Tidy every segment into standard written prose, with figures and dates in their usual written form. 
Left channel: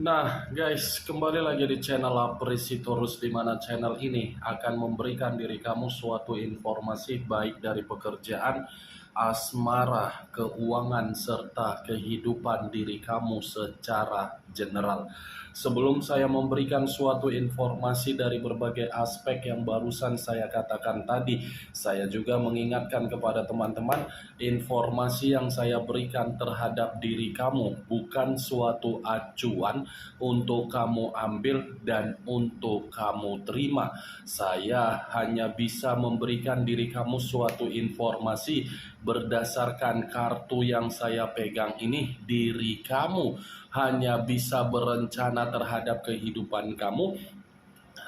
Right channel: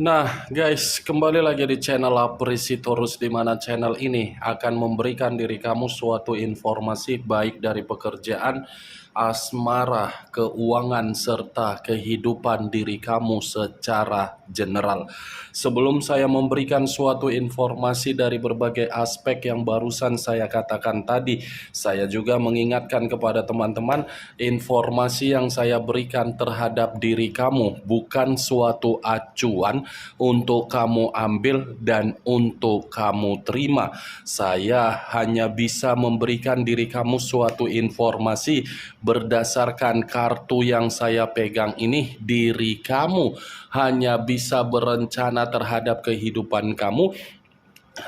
Nah guys, kembali lagi di channel Apresitorus, di mana channel ini akan memberikan diri kamu suatu informasi baik dari pekerjaan, asmara, keuangan, serta kehidupan diri kamu secara general. Sebelum saya memberikan suatu informasi dari berbagai aspek yang barusan saya katakan tadi, saya juga mengingatkan kepada teman-teman, informasi yang saya berikan terhadap diri kamu bukan suatu acuan untuk kamu ambil dan untuk kamu terima. Saya hanya bisa memberikan diri kamu suatu informasi berdasarkan kartu yang saya pegang ini. Diri kamu hanya bisa berencana terhadap kehidupan kamu,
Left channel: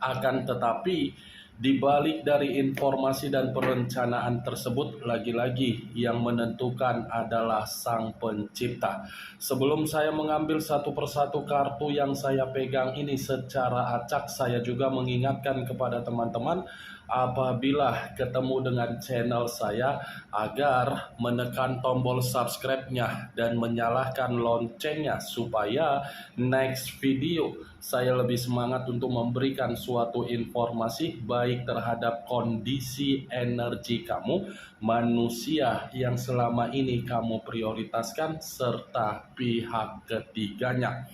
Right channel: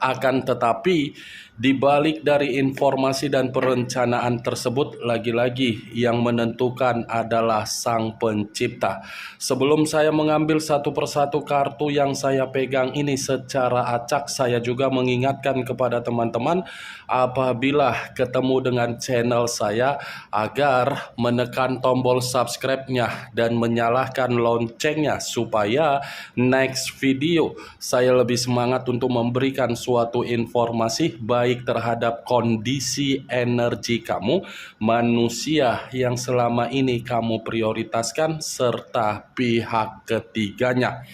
akan tetapi di balik dari informasi dan perencanaan tersebut, lagi-lagi yang menentukan adalah Sang Pencipta. Sebelum saya mengambil satu persatu kartu yang saya pegang ini secara acak, saya juga mengingatkan kepada teman-teman apabila ketemu dengan channel saya agar menekan tombol subscribe-nya dan menyalakan loncengnya supaya next video saya lebih semangat untuk memberikan suatu informasi baik terhadap kondisi energi kamu, manusia yang selama ini kamu prioritaskan, serta pihak ketiganya.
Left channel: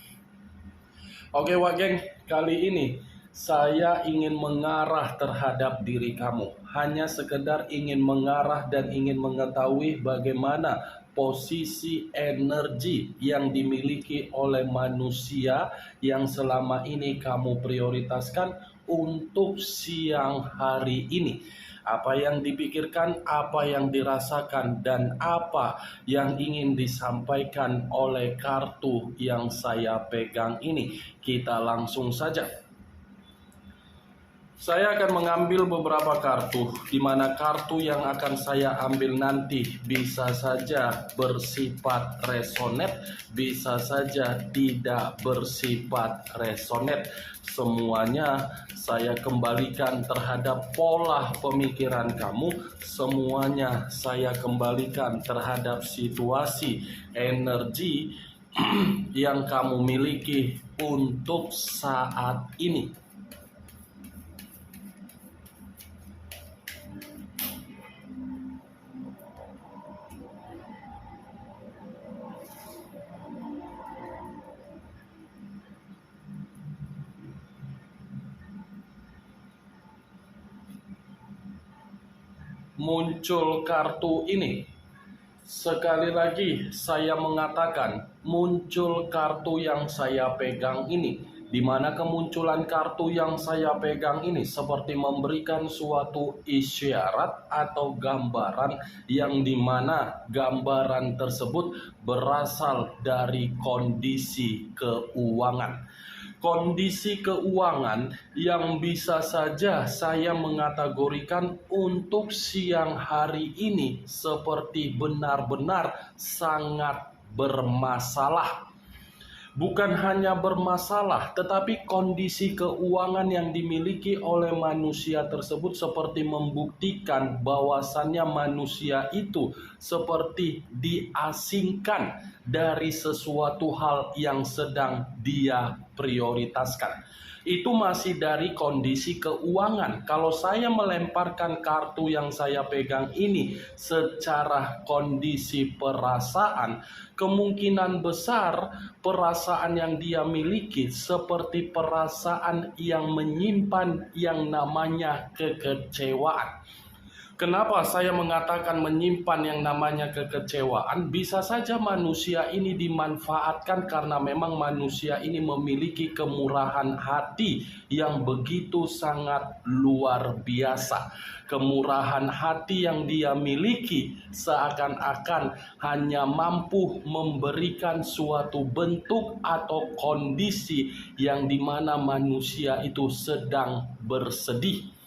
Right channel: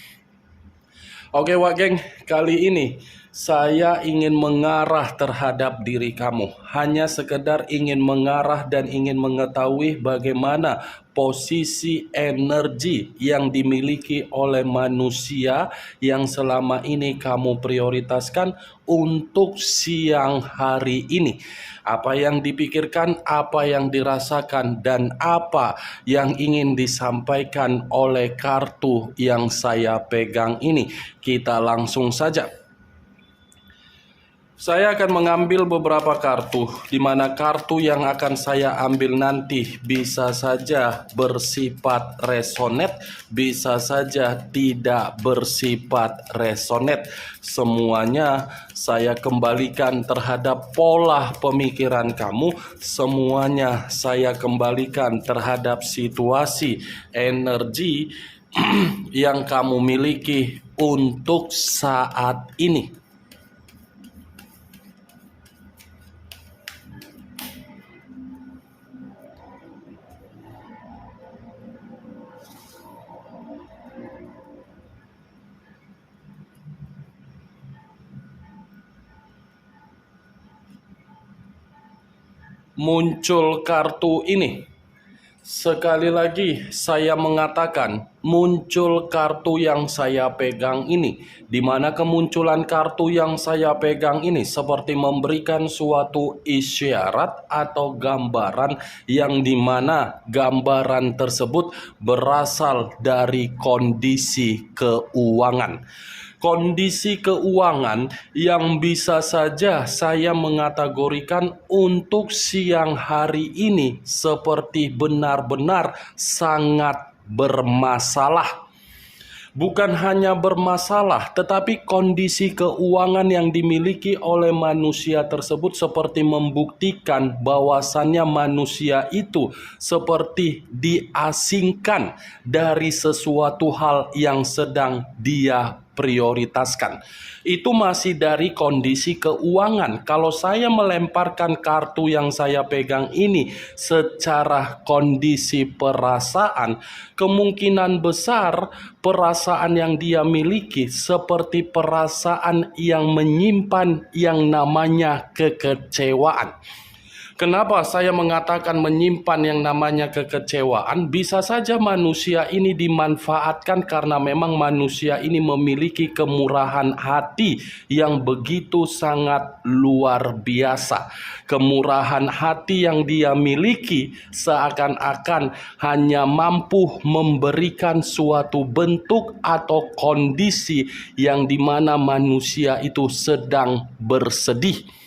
Oke Wak Geng, kali ini saya ingin mengarah terhadap diri kamu. Hanya sekedar ingin mengarah dan ingin mengetahui bagaimana posisi energi yang dimiliki oleh manusia yang selama ini kamu prioritaskan untuk siang hari ini. Apa yang dipikirkan, apa yang dirasakan, dan apa yang ingin disampaikan oleh kartu yang saya pegang ini. Kita langsung saja. Saya akan mengambil beberapa kartu, di mana kartu yang akan saya ambil nanti bisa saja bersifat resonate, bisa saja tidak bersifat resonate. Semuanya saya kembalikan terhadap pola pemikiran kamu, semuanya saya kembalikan terhadap situasi energi yang kamu miliki untuk saat ini. Muncul kartu ini. Sekali lagi saya mengatakan, muncul kartu yang saya pegang ini, di mana kemunculan kartu yang saya pegang ini seperti memberikan suatu isyarat atau gambaran yang dimana gambaran tersebut berasal dari kondisi keuangan. Kondisi keuangan yang bisa saja saya mengategorikan untuk siang hari ini seperti benar-benar sangat bermasalah. Bukan hanya bermasalah, tetapi kondisi keuangan yang dimiliki oleh manusia tersebut seperti membuktikan bahwasannya manusia itu seperti diasingkan dari sesuatu hal yang sedang dia prioritaskan. Itu masih dari kondisi keuangan. Kalau saya melemparkan kartu yang saya pegang ini secara kondisi perasaan, kemungkinan besar perasaan yang dia miliki seperti perasaan yang menyimpan yang namanya kekecewaan. Kenapa saya mengatakan menyimpan yang namanya kekecewaan? Bisa saja manusia ini dimanfaatkan karena memang manusia ini memiliki kemurahan hati yang begitu sangat luar biasa. Kemurahan hati yang dia miliki seakan-akan hanya mampu memberikan suatu bentuk atau kondisi yang dimana manusia itu sedang bersedih.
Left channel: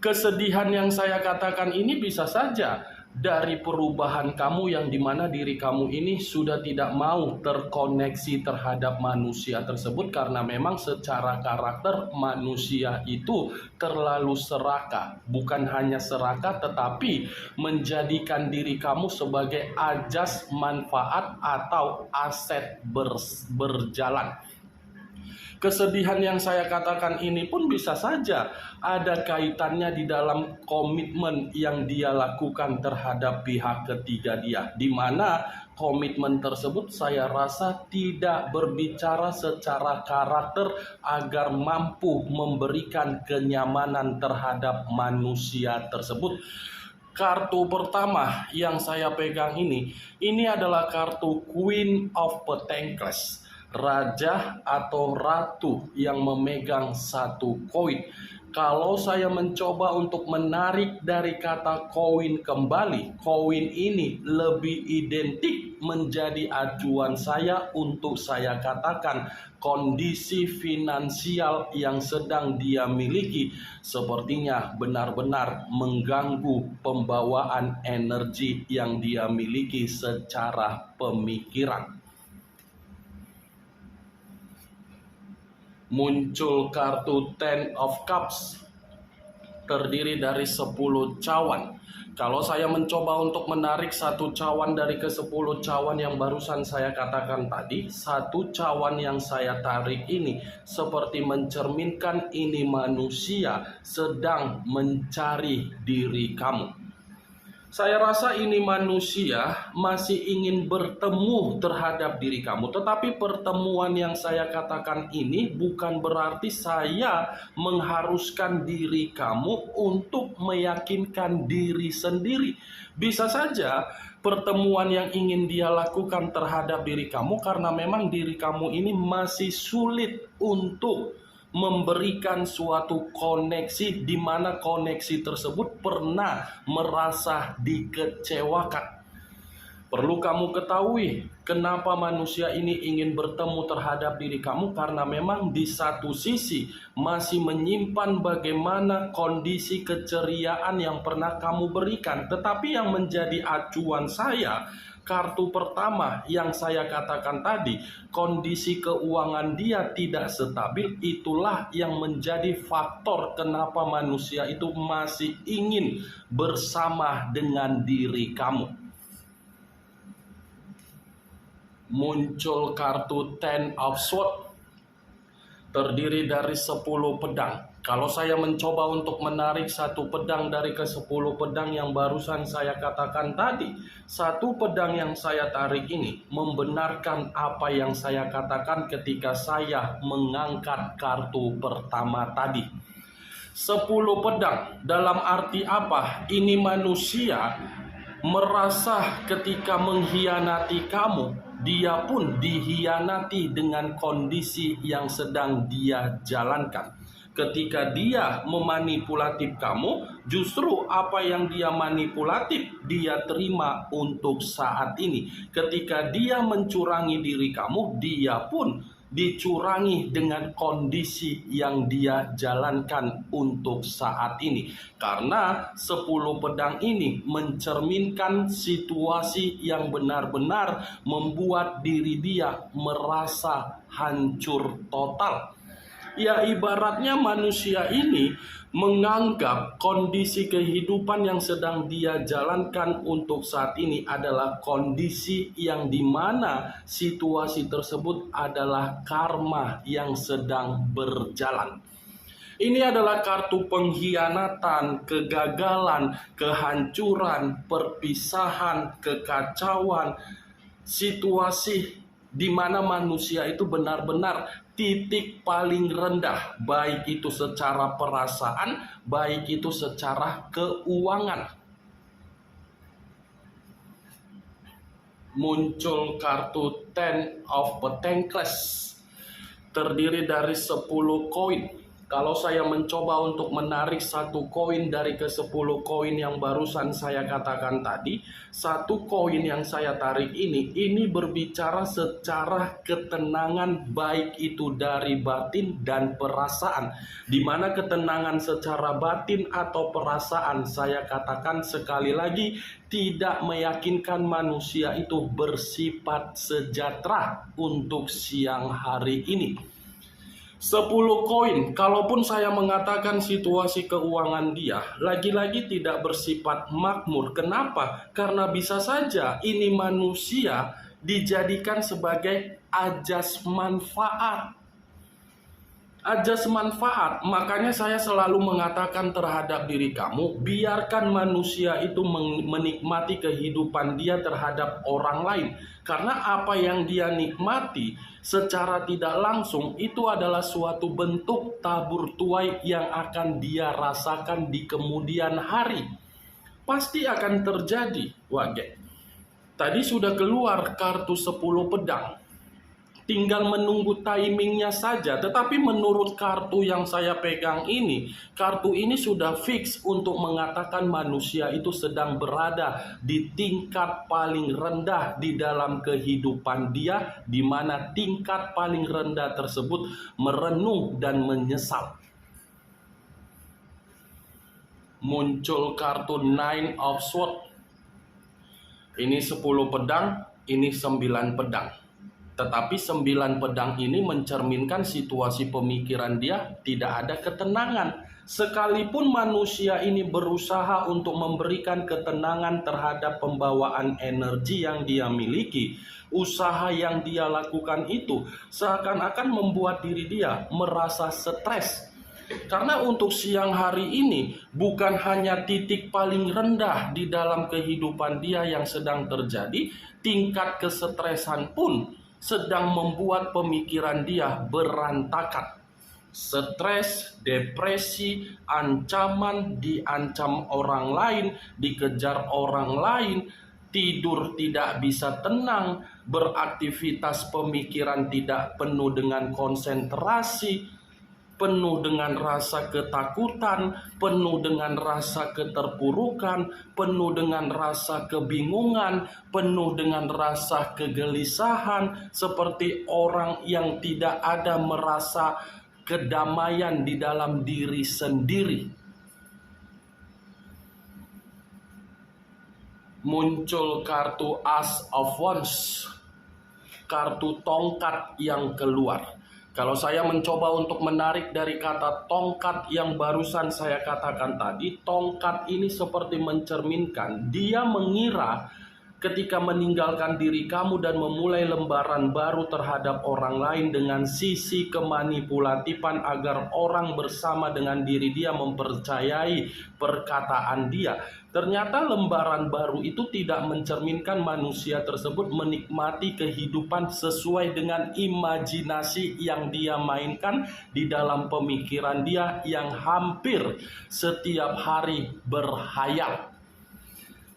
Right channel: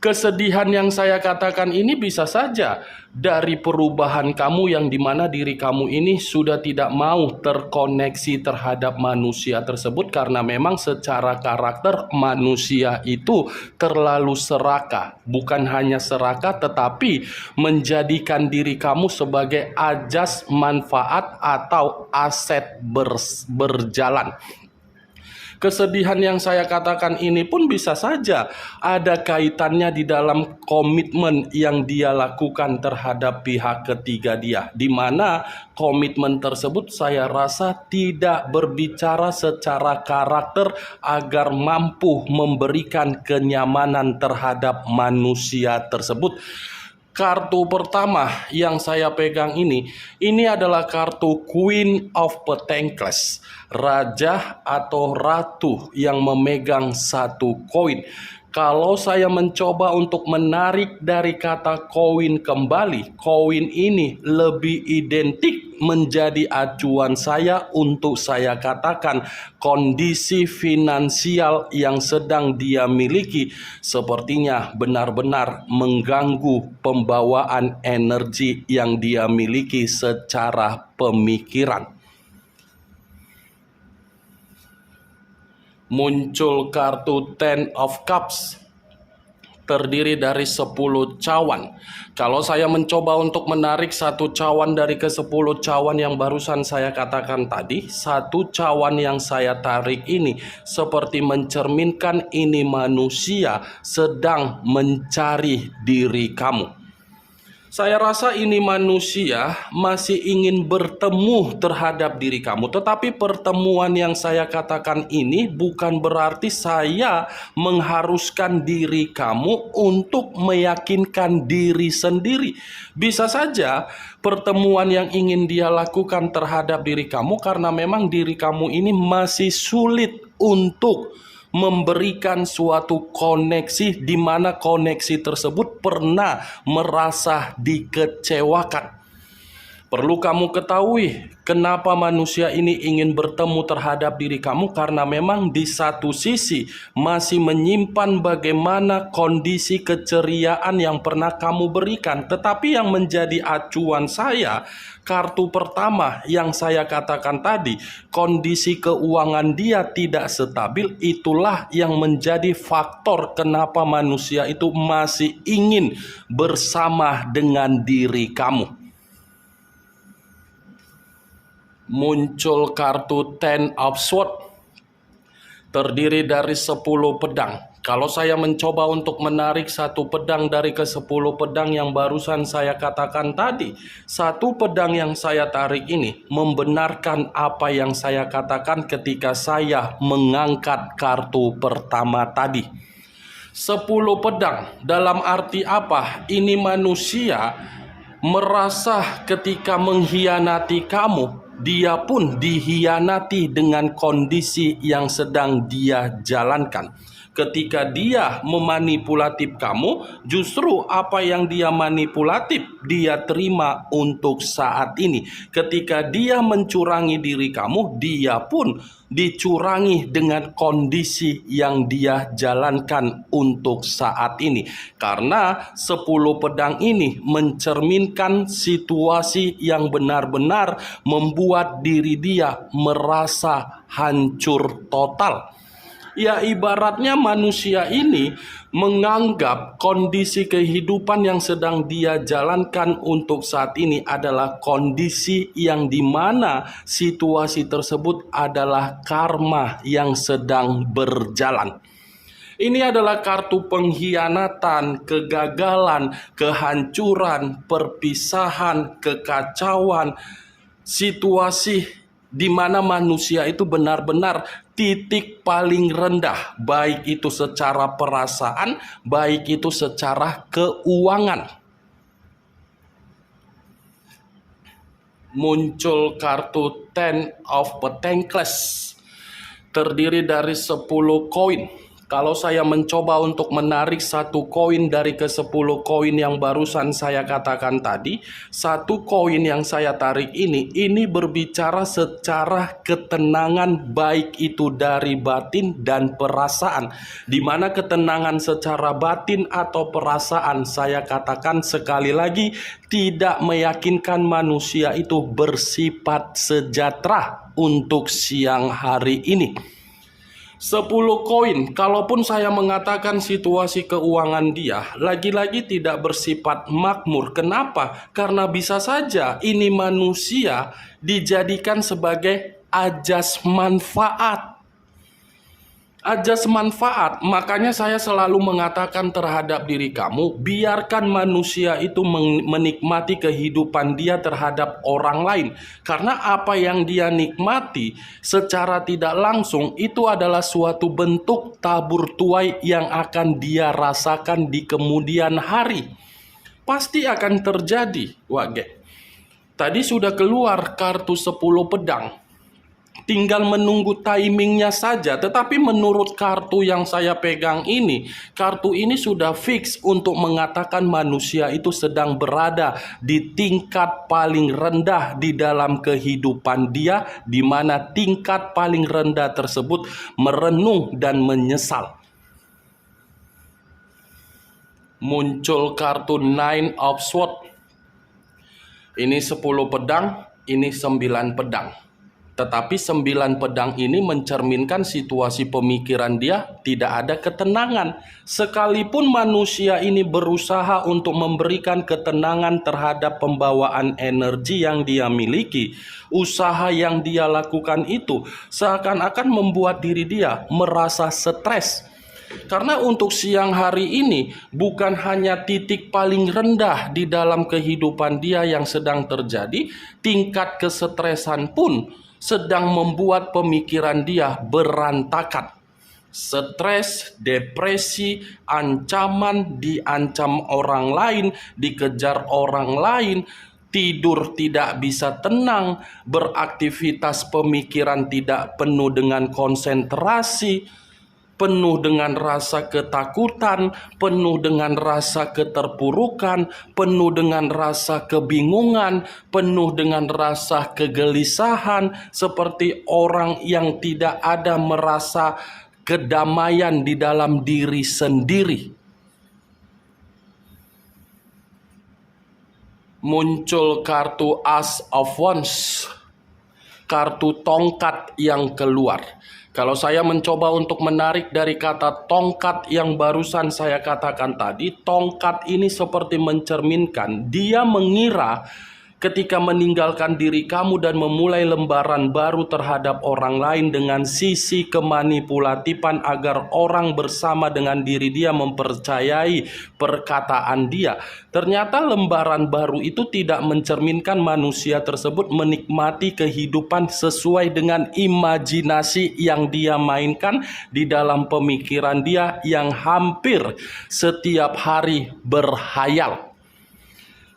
Kesedihan yang saya katakan ini bisa saja dari perubahan kamu yang dimana diri kamu ini sudah tidak mau terkoneksi terhadap manusia tersebut karena memang secara karakter manusia itu terlalu serakah. Bukan hanya serakah tetapi menjadikan diri kamu sebagai ajas manfaat atau aset berjalan. Kesedihan yang saya katakan ini pun bisa saja ada kaitannya di dalam komitmen yang dia lakukan terhadap pihak ketiga dia, di mana komitmen tersebut saya rasa tidak berbicara secara karakter agar mampu memberikan kenyamanan terhadap manusia tersebut. Kartu pertama yang saya pegang ini adalah kartu Queen of Pentacles, raja atau ratu yang memegang satu koin. Kalau saya mencoba untuk menarik dari kata koin kembali, koin ini lebih identik menjadi acuan saya untuk saya katakan kondisi finansial yang sedang dia miliki sepertinya benar-benar mengganggu pembawaan energi yang dia miliki secara pemikiran. Muncul kartu Ten of Cups, terdiri dari 10 cawan. Kalau saya mencoba untuk menarik satu cawan dari ke-10 cawan yang barusan saya katakan tadi, satu cawan yang saya tarik ini seperti mencerminkan ini manusia sedang mencari diri kamu. Saya rasa ini manusia masih ingin bertemu terhadap diri kamu. Tetapi pertemuan yang saya katakan ini bukan berarti saya mengharuskan diri kamu untuk meyakinkan diri sendiri. Bisa saja pertemuan yang ingin dia lakukan terhadap diri kamu karena memang diri kamu ini masih sulit untuk memberikan suatu koneksi di mana koneksi tersebut pernah merasa dikecewakan. Perlu kamu ketahui kenapa manusia ini ingin bertemu terhadap diri kamu, karena memang di satu sisi masih menyimpan bagaimana kondisi keceriaan yang pernah kamu berikan. Tetapi yang menjadi acuan saya, kartu pertama yang saya katakan tadi, kondisi keuangan dia tidak stabil, itulah yang menjadi faktor kenapa manusia itu masih ingin bersama dengan diri kamu. Muncul kartu Ten of Swords, terdiri dari 10 pedang. Kalau saya mencoba untuk menarik satu pedang dari ke-10 pedang yang barusan saya katakan tadi, satu pedang yang saya tarik ini membenarkan apa yang saya katakan ketika saya mengangkat kartu pertama tadi. 10 pedang dalam arti apa? Ini manusia merasa ketika mengkhianati kamu, dia pun dikhianati dengan kondisi yang sedang dia jalankan. Ketika dia memanipulatif kamu, justru apa yang dia manipulatif dia terima untuk saat ini. Ketika dia mencurangi diri kamu, dia pun dicurangi dengan kondisi yang dia jalankan untuk saat ini. Karena 10 pedang ini mencerminkan situasi yang benar-benar membuat diri dia merasa hancur total. Ya, ibaratnya manusia ini menganggap kondisi kehidupan yang sedang dia jalankan untuk saat ini adalah kondisi yang dimana situasi tersebut adalah karma yang sedang berjalan. Ini adalah kartu pengkhianatan, kegagalan, kehancuran, perpisahan, kekacauan, situasi di mana manusia itu benar-benar titik paling rendah, baik itu secara perasaan, baik itu secara keuangan. Muncul kartu Ten of Pentacles, terdiri dari 10 koin. Kalau saya mencoba untuk menarik satu koin dari ke-10 koin yang barusan saya katakan tadi, satu koin yang saya tarik ini berbicara secara ketenangan, baik itu dari batin dan perasaan. Di mana ketenangan secara batin atau perasaan, saya katakan sekali lagi, tidak meyakinkan manusia itu bersifat sejahtera untuk siang hari ini. 10 koin, kalaupun saya mengatakan situasi keuangan dia lagi-lagi tidak bersifat makmur. Kenapa? Karena bisa saja ini manusia dijadikan sebagai ajas manfaat. ajas manfaat. Makanya saya selalu mengatakan terhadap diri kamu, biarkan manusia itu menikmati kehidupan dia terhadap orang lain. Karena apa yang dia nikmati secara tidak langsung itu adalah suatu bentuk tabur tuai yang akan dia rasakan di kemudian hari. Pasti akan terjadi. Tadi sudah keluar kartu 10 pedang. Tinggal menunggu timingnya saja. Tetapi menurut kartu yang saya pegang ini, kartu ini sudah fix untuk mengatakan manusia itu sedang berada di tingkat paling rendah di dalam kehidupan dia, di mana tingkat paling rendah tersebut merenung dan menyesal. Muncul kartu Nine of Swords. Ini 10 pedang, ini 9 pedang. Tetapi 9 pedang ini mencerminkan situasi pemikiran dia tidak ada ketenangan. Sekalipun manusia ini berusaha untuk memberikan ketenangan terhadap pembawaan energi yang dia miliki, usaha yang dia lakukan itu seakan-akan membuat diri dia merasa stres. Karena untuk siang hari ini bukan hanya titik paling rendah di dalam kehidupan dia yang sedang terjadi, tingkat kesetresan pun sedang membuat pemikiran dia berantakan. Stres, depresi, ancaman, diancam orang lain, dikejar orang lain, tidur tidak bisa tenang, beraktivitas pemikiran tidak penuh dengan konsentrasi, penuh dengan rasa ketakutan, penuh dengan rasa keterpurukan, penuh dengan rasa kebingungan, penuh dengan rasa kegelisahan, seperti orang yang tidak ada merasa kedamaian di dalam diri sendiri. Muncul kartu Ace of Wands, kartu tongkat yang keluar. Kalau saya mencoba untuk menarik dari kata tongkat yang barusan saya katakan tadi, tongkat ini seperti mencerminkan dia mengira ketika meninggalkan diri kamu dan memulai lembaran baru terhadap orang lain dengan sisi kemanipulatifan agar orang bersama dengan diri dia mempercayai perkataan dia. Ternyata lembaran baru itu tidak mencerminkan manusia tersebut menikmati kehidupan sesuai dengan imajinasi yang dia mainkan di dalam pemikiran dia yang hampir setiap hari berhayal.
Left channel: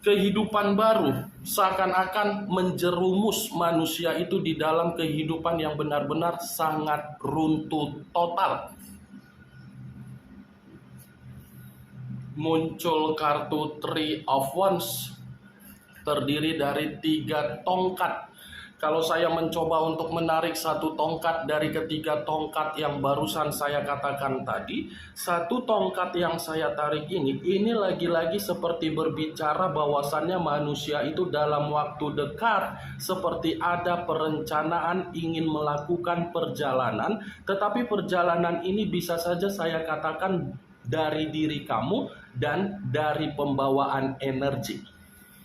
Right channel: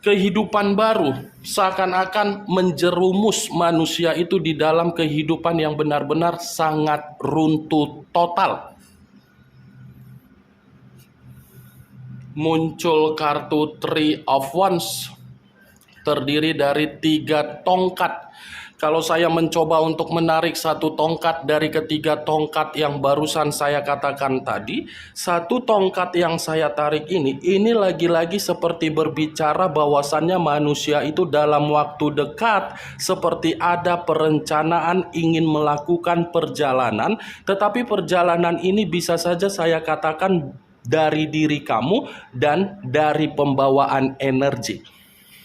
Kehidupan baru seakan-akan menjerumus manusia itu di dalam kehidupan yang benar-benar sangat runtuh total. Muncul kartu Three of Wands, terdiri dari 3 tongkat. Kalau saya mencoba untuk menarik satu tongkat dari ketiga tongkat yang barusan saya katakan tadi, satu tongkat yang saya tarik ini lagi-lagi seperti berbicara bahwasannya manusia itu dalam waktu dekat seperti ada perencanaan ingin melakukan perjalanan, tetapi perjalanan ini bisa saja saya katakan dari diri kamu dan dari pembawaan energi.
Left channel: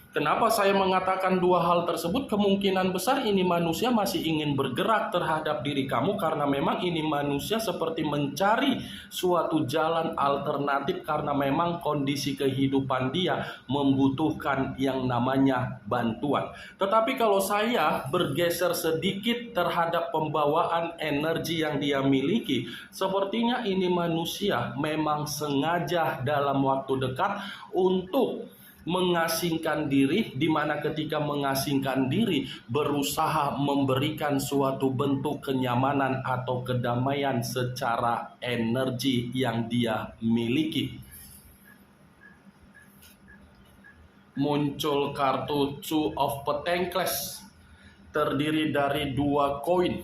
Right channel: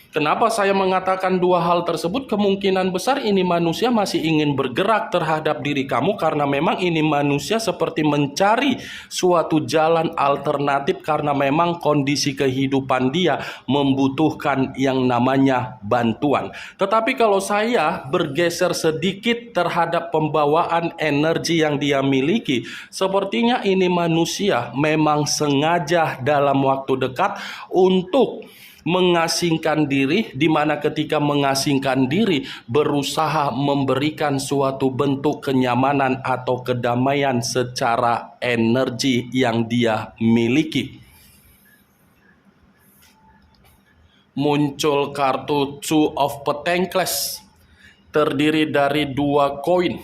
Kenapa saya mengatakan 2 hal tersebut? Kemungkinan besar ini manusia masih ingin bergerak terhadap diri kamu karena memang ini manusia seperti mencari suatu jalan alternatif karena memang kondisi kehidupan dia membutuhkan yang namanya bantuan. Tetapi kalau saya bergeser sedikit terhadap pembawaan energi yang dia miliki, sepertinya ini manusia memang sengaja dalam waktu dekat untuk mengasingkan diri, di mana ketika mengasingkan diri berusaha memberikan suatu bentuk kenyamanan atau kedamaian secara energi yang dia miliki. Muncul kartu Two of Pentacles, terdiri dari 2 koin,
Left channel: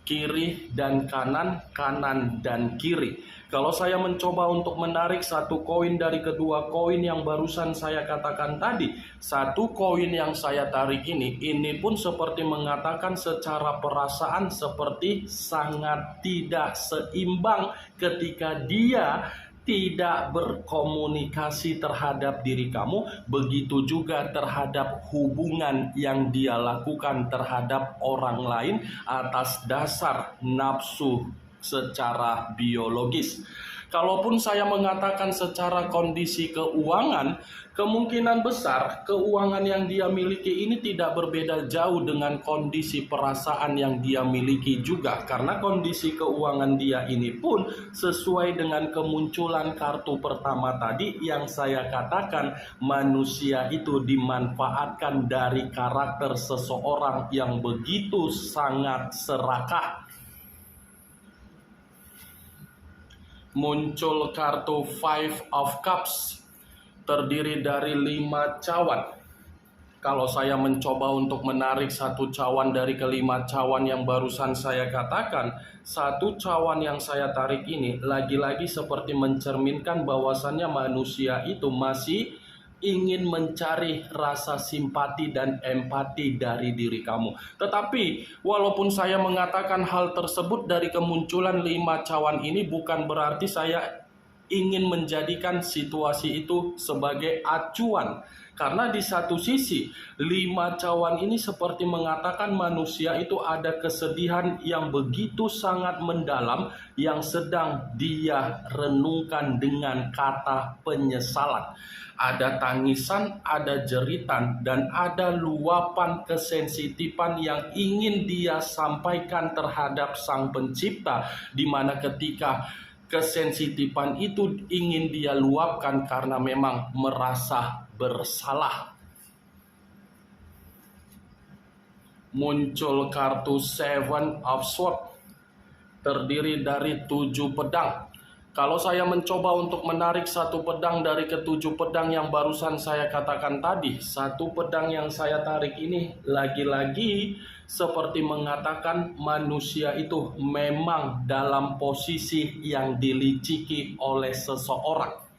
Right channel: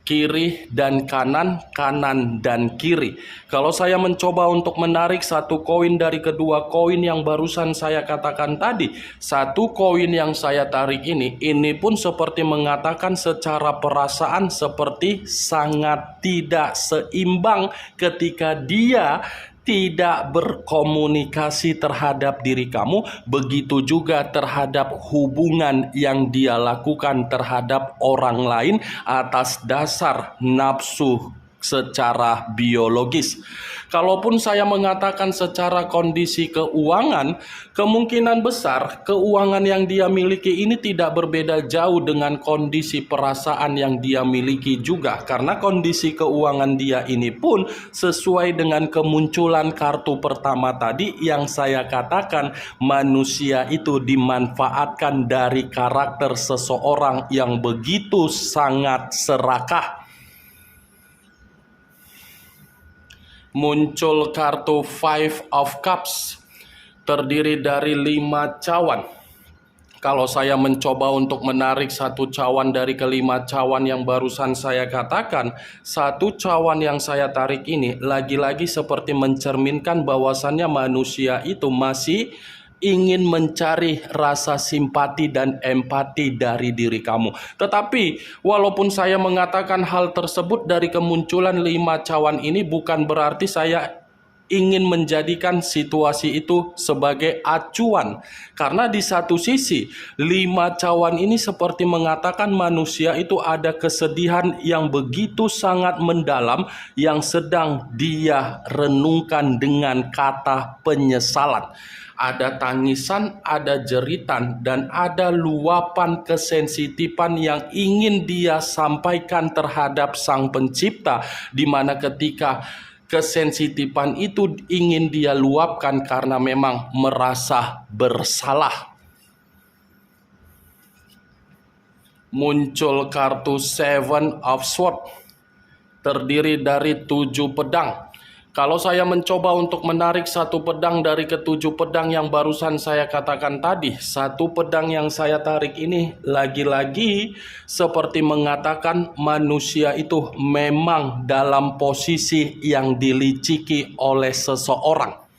kiri dan kanan, kanan dan kiri. Kalau saya mencoba untuk menarik satu koin dari kedua koin yang barusan saya katakan tadi, satu koin yang saya tarik ini pun seperti mengatakan secara perasaan seperti sangat tidak seimbang ketika dia tidak berkomunikasi terhadap diri kamu, begitu juga terhadap hubungan yang dia lakukan terhadap orang lain atas dasar nafsu secara biologis. Kalaupun saya mengatakan secara kondisi keuangan, kemungkinan besar keuangan yang dia miliki ini tidak berbeda jauh dengan kondisi perasaan yang dia miliki juga. Karena kondisi keuangan dia ini pun sesuai dengan kemunculan kartu pertama tadi yang saya katakan, manusia itu dimanfaatkan dari karakter seseorang yang begitu sangat serakah. Muncul kartu Five of Cups, terdiri dari 5 cawan. Kalau saya mencoba untuk menarik satu cawan dari kelima cawan yang barusan saya katakan, satu cawan yang saya tarik ini lagi-lagi seperti mencerminkan bahwasannya manusia itu masih ingin mencari rasa simpati dan empati dari diri kamu. Tetapi walaupun saya mengatakan hal tersebut dari kemunculan 5 cawan ini, bukan berarti saya ingin menjadikan situasi itu sebagai acuan. Karena di satu sisi 5 cawan ini seperti mengatakan manusia itu ada kesedihan yang begitu sangat mendalam yang sedang dia renungkan dengan kata penyesalan. Ada tangisan, ada jeritan, dan ada luapan kesensitifan yang ingin dia sampaikan terhadap Sang Pencipta, di mana ketika kesensitifan itu ingin dia luapkan karena memang merasa bersalah. Muncul kartu Seven of Swords, terdiri dari 7 pedang. Kalau saya mencoba untuk menarik satu pedang dari ke-7 pedang yang barusan saya katakan tadi, satu pedang yang saya tarik ini lagi-lagi seperti mengatakan manusia itu memang dalam posisi yang diliciki oleh seseorang.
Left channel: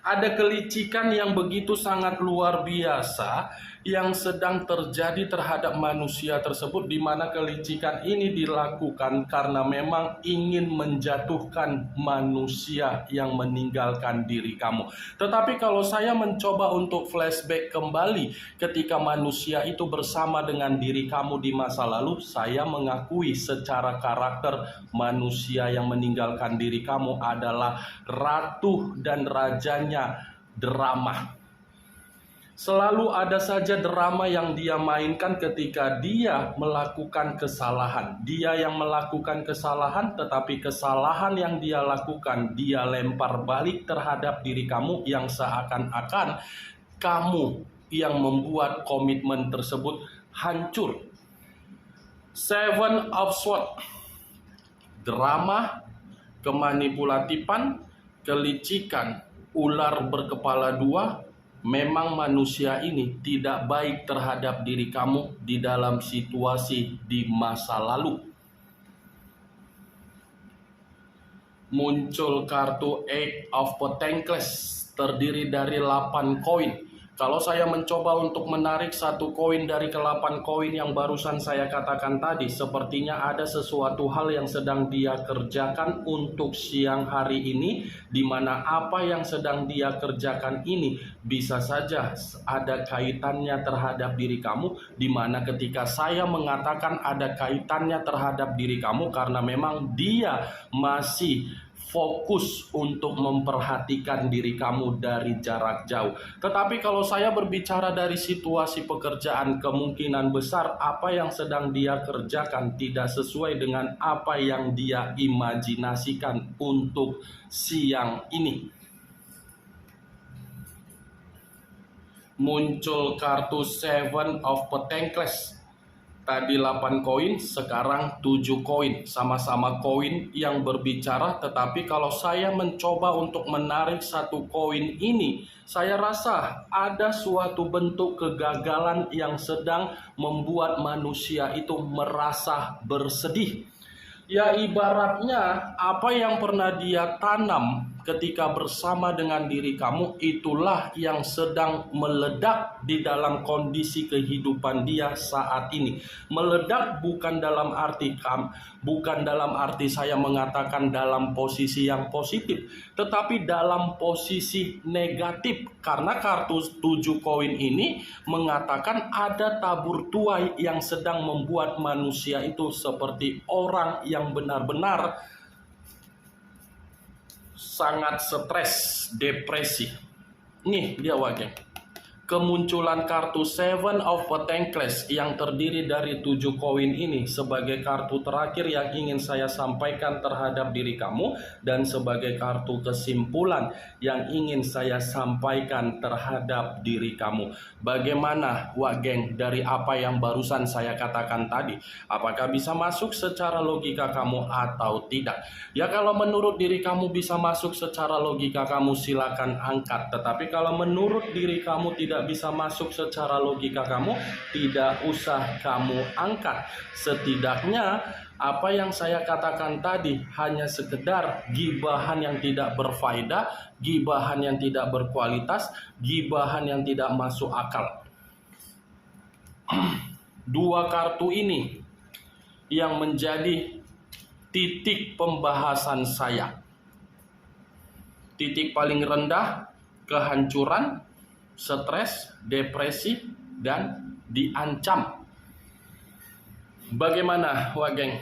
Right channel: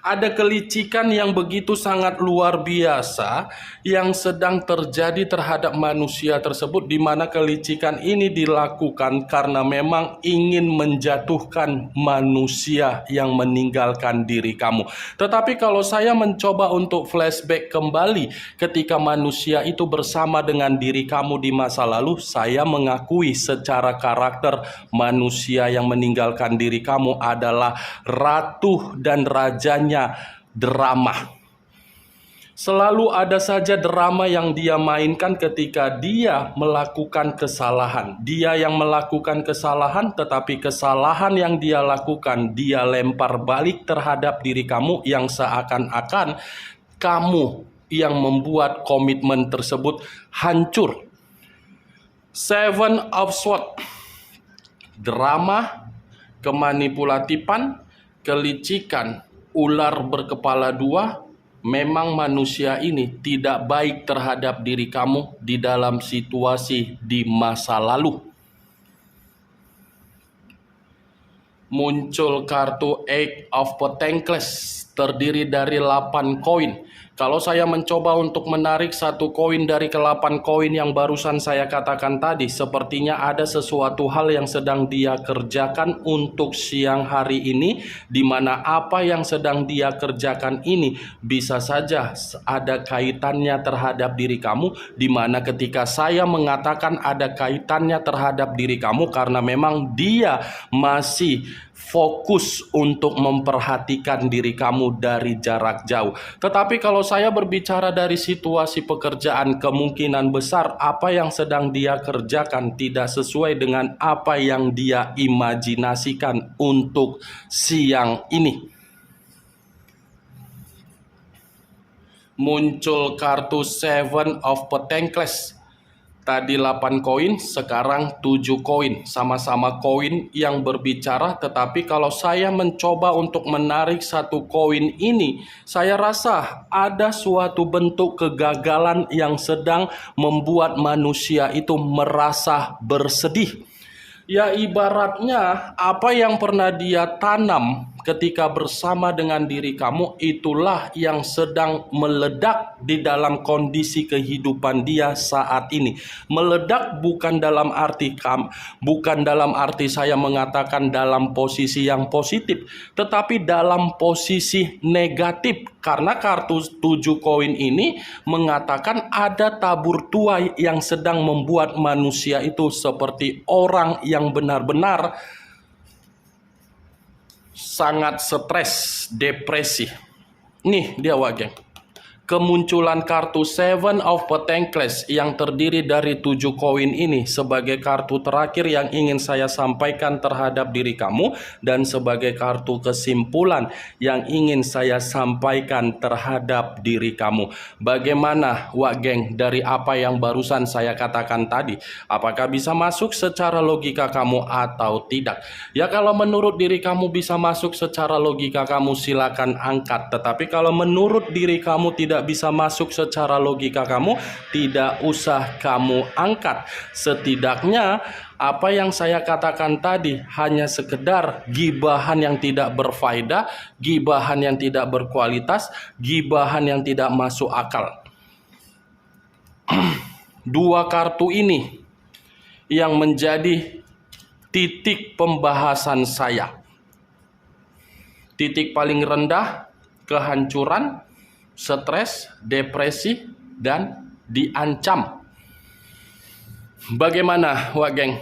Ada kelicikan yang begitu sangat luar biasa yang sedang terjadi terhadap manusia tersebut, di mana kelicikan ini dilakukan karena memang ingin menjatuhkan manusia yang meninggalkan diri kamu. Tetapi kalau saya mencoba untuk flashback kembali ketika manusia itu bersama dengan diri kamu di masa lalu, saya mengakui secara karakter manusia yang meninggalkan diri kamu adalah ratu dan rajanya drama. Selalu ada saja drama yang dia mainkan ketika dia melakukan kesalahan. Dia yang melakukan kesalahan, tetapi kesalahan yang dia lakukan dia lempar balik terhadap diri kamu, yang seakan-akan kamu yang membuat komitmen tersebut hancur. Seven of Swords, drama, kemanipulatifan, kelicikan, ular berkepala 2. Memang manusia ini tidak baik terhadap diri kamu di dalam situasi di masa lalu. Muncul kartu Eight of Pentacles, terdiri dari 8 koin. Kalau saya mencoba untuk menarik satu koin dari ke-8 koin yang barusan saya katakan tadi, sepertinya ada sesuatu hal yang sedang dia kerjakan untuk siang hari ini, di mana apa yang sedang dia kerjakan ini bisa saja ada kaitannya terhadap diri kamu, di mana ketika saya mengatakan ada kaitannya terhadap diri kamu karena memang dia masih fokus untuk memperhatikan diri kamu dari jarak jauh. Tetapi kalau saya berbicara dari situasi pekerjaan, kemungkinan besar apa yang sedang dia kerjakan tidak sesuai dengan apa yang dia imajinasikan untuk siang ini. Muncul kartu Seven of Pentacles. Tadi 8 koin, sekarang 7 koin. Sama-sama koin yang berbicara, tetapi kalau saya mencoba untuk menarik satu koin ini, saya rasa ada suatu bentuk kegagalan yang sedang membuat manusia itu merasa bersedih. Ya, ibaratnya apa yang pernah dia tanam ketika bersama dengan diri kamu, itulah yang sedang meledak di dalam kondisi kehidupan dia saat ini. Meledak bukan dalam arti saya mengatakan dalam posisi yang positif, tetapi dalam posisi negatif. Karena kartu 7 koin ini mengatakan ada tabur tuai yang sedang membuat manusia itu seperti orang yang benar-benar sangat stres, depresi. Nih dia Wak Geng. Kemunculan kartu Seven of Pentacles yang terdiri dari 7 koin ini sebagai kartu terakhir yang ingin saya sampaikan terhadap diri kamu, dan sebagai kartu kesimpulan yang ingin saya sampaikan terhadap diri kamu. Bagaimana Wak Geng dari apa yang barusan saya katakan tadi? Apakah bisa masuk secara logika kamu atau tidak? Ya, kalau menurut diri kamu bisa masuk secara logika kamu, silakan angkat. Tetapi kalau menurut diri kamu tidak bisa masuk secara logika kamu, tidak usah kamu angkat. Setidaknya apa yang saya katakan tadi hanya sekedar gibahan yang tidak berfaedah, gibahan yang tidak berkualitas, gibahan yang tidak masuk akal. Dua kartu ini yang menjadi titik pembahasan saya. Titik paling rendah, kehancuran, stres, depresi, dan diancam. Bagaimana Wak Geng?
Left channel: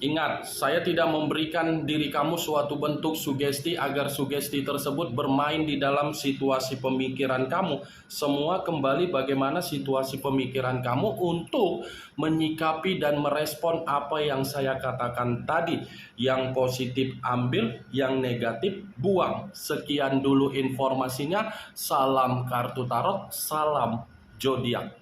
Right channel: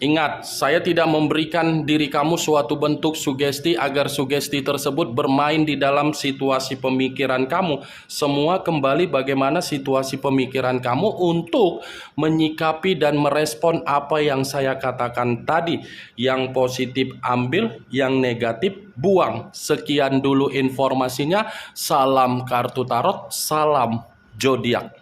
Ingat, saya tidak memberikan diri kamu suatu bentuk sugesti agar sugesti tersebut bermain di dalam situasi pemikiran kamu. Semua kembali bagaimana situasi pemikiran kamu untuk menyikapi dan merespon apa yang saya katakan tadi. Yang positif ambil, yang negatif buang. Sekian dulu informasinya. Salam kartu tarot, salam zodiak.